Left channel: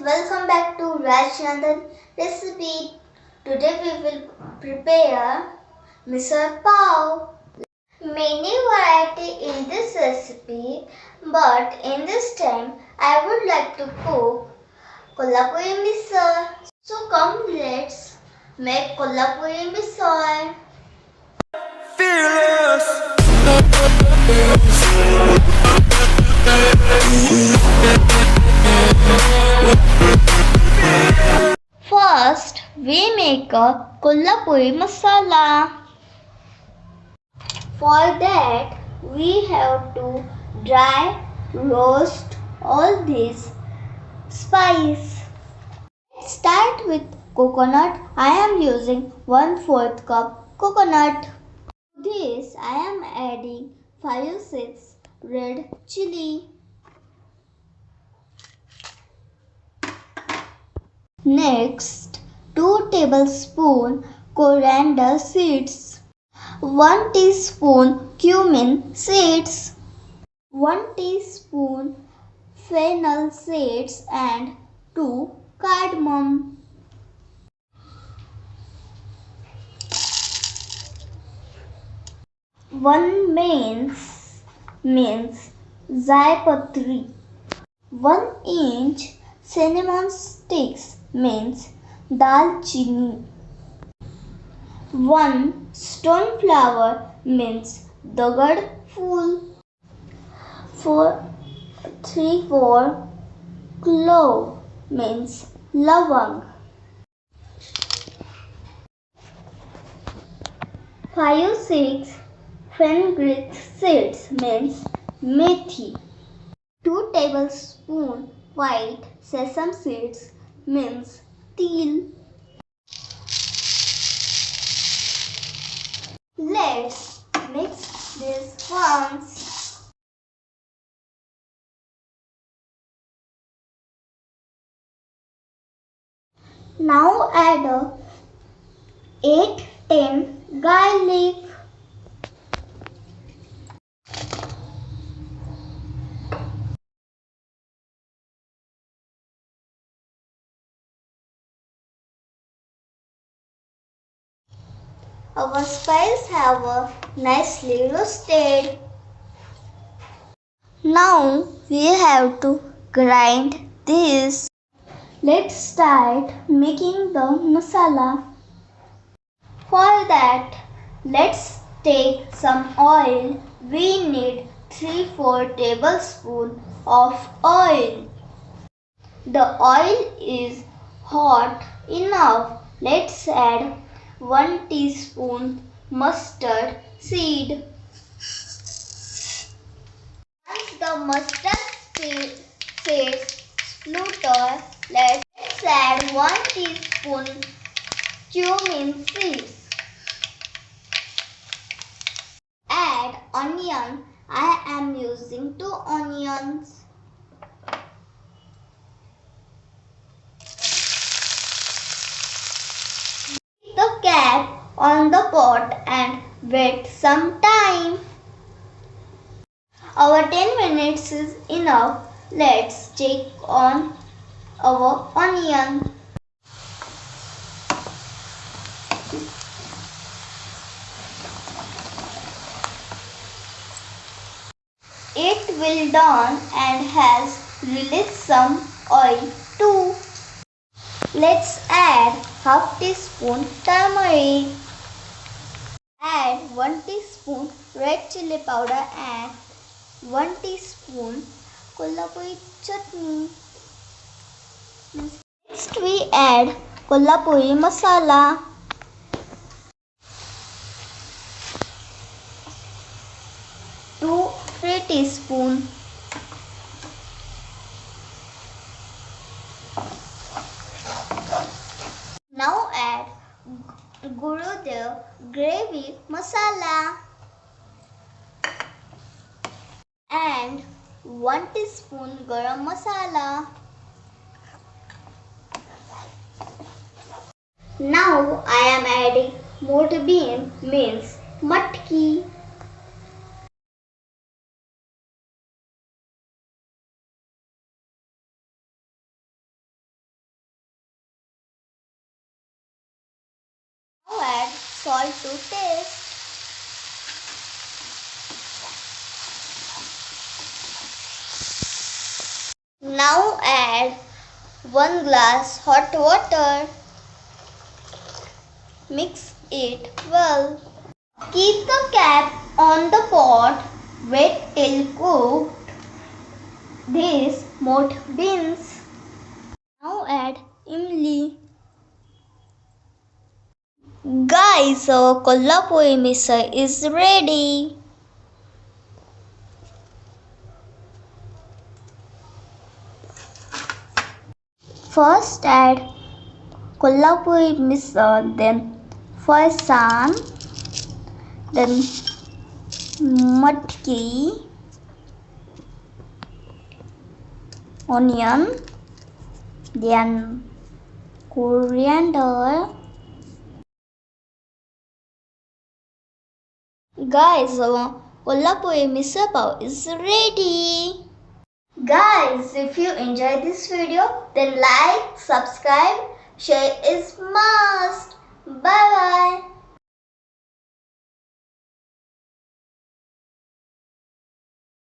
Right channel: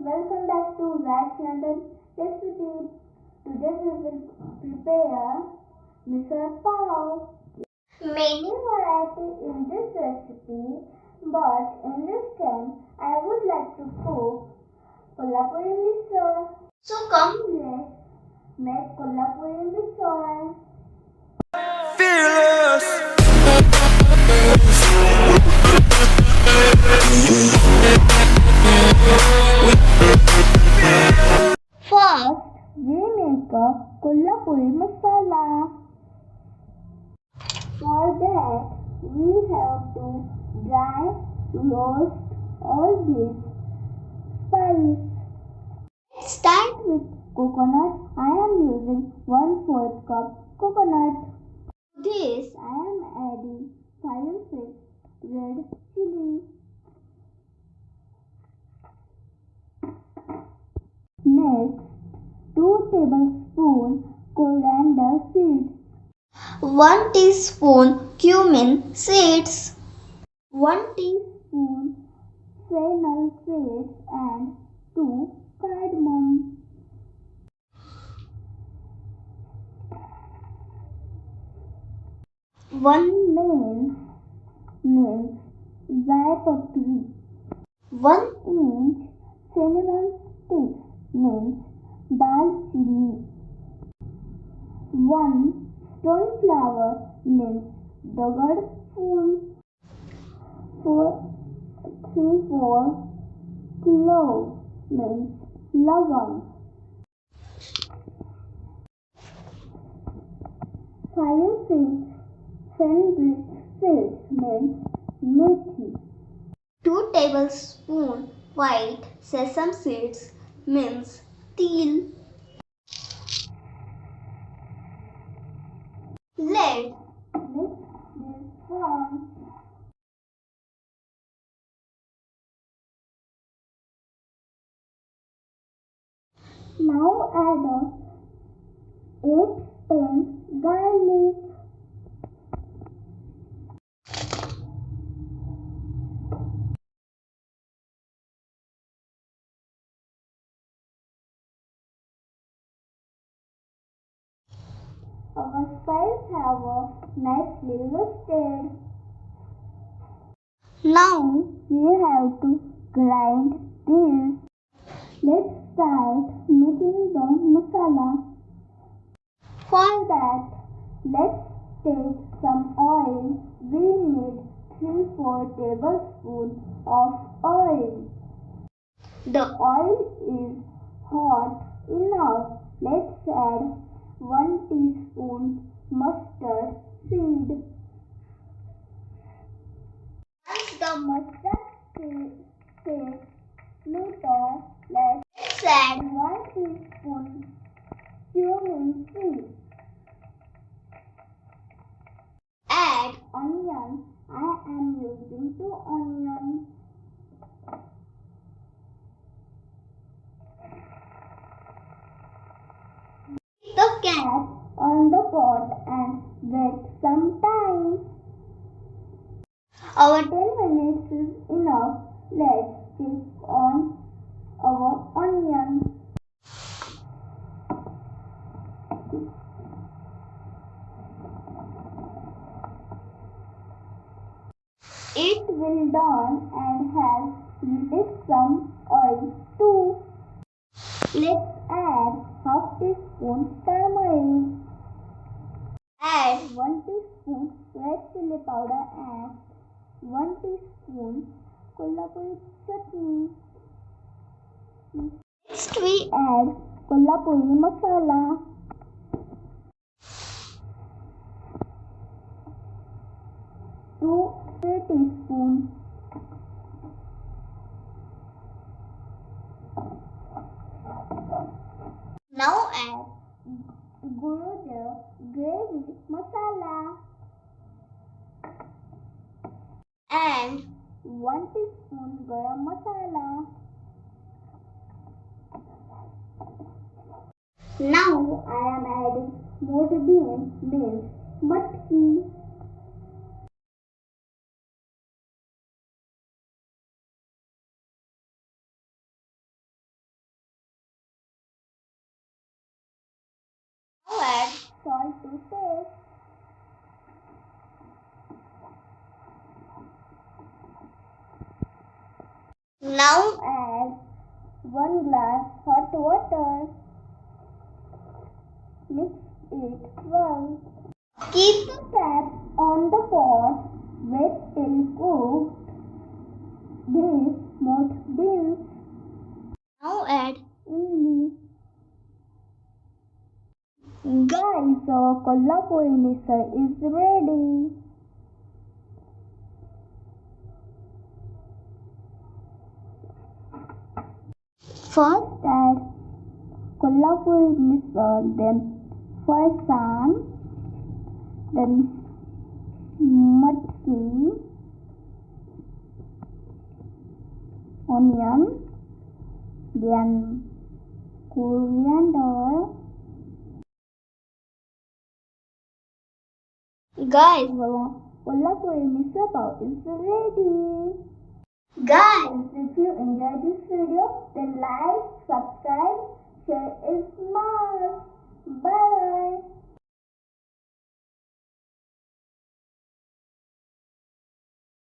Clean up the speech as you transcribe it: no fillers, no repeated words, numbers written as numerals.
welcome back to Rajnandani recipe. Today we will prepare misal pav. Many variety in this recipe, but in this time I would like to cook Kolhapuri misal. So come, let's make Kolhapuri misal. Fearless. First, we make a Kolhapuri masala. For that, we have to dry roast all these spice. Start with coconut. I am using 1/4 cup coconut. To this, I am adding 5-6 red chili. Next, 2 tablespoons coriander seeds, 1 teaspoon cumin seeds, 1 teaspoon fennel seeds and 2 cardmom. One means zaipatri. 1 inch cinnamon sticks means dalchini. 1 stone flower means dagad fool. 3/4 clove means lavang. 5-6 fenugreek seeds means methi. 2 tablespoons white sesame seeds means til. Let's mix this once. Now add 8-10 garlic. Our spices have nicely roasted. Now we have to grind this. Let's start making the masala. For that, let's take some oil. We need 3-4 tablespoons of oil. The oil is hot enough. Let's add 1 teaspoon mustard seed. Once the mustard seeds splutter, let's add 1 teaspoon cumin seeds. Add onion. I am using 2 onions. The cap on the pot and wait some time. Our 10 minutes is enough. Let's check on our onion. It will done and has released some oil too. Let's add half teaspoon turmeric. Add 1 teaspoon red chili powder and 1 teaspoon Kolhapuri chutney. Next we add Kolhapuri masala. Two 3 teaspoon. Now add the grevi masala and 1 teaspoon garam masala. Now I am adding moth bean means matki. add salt to taste. Now add 1 glass hot water. Mix it well. Keep the cap on the pot wet till cooked. These moth beans. Now add imli. Guys, our Kolhapuri misal is ready. First add Kolhapuri misal, then farsan, then matki, onion, then coriander. Guys, our Kolhapuri misal pav is ready. Guys, if you enjoyed this video, then like, subscribe, share is must.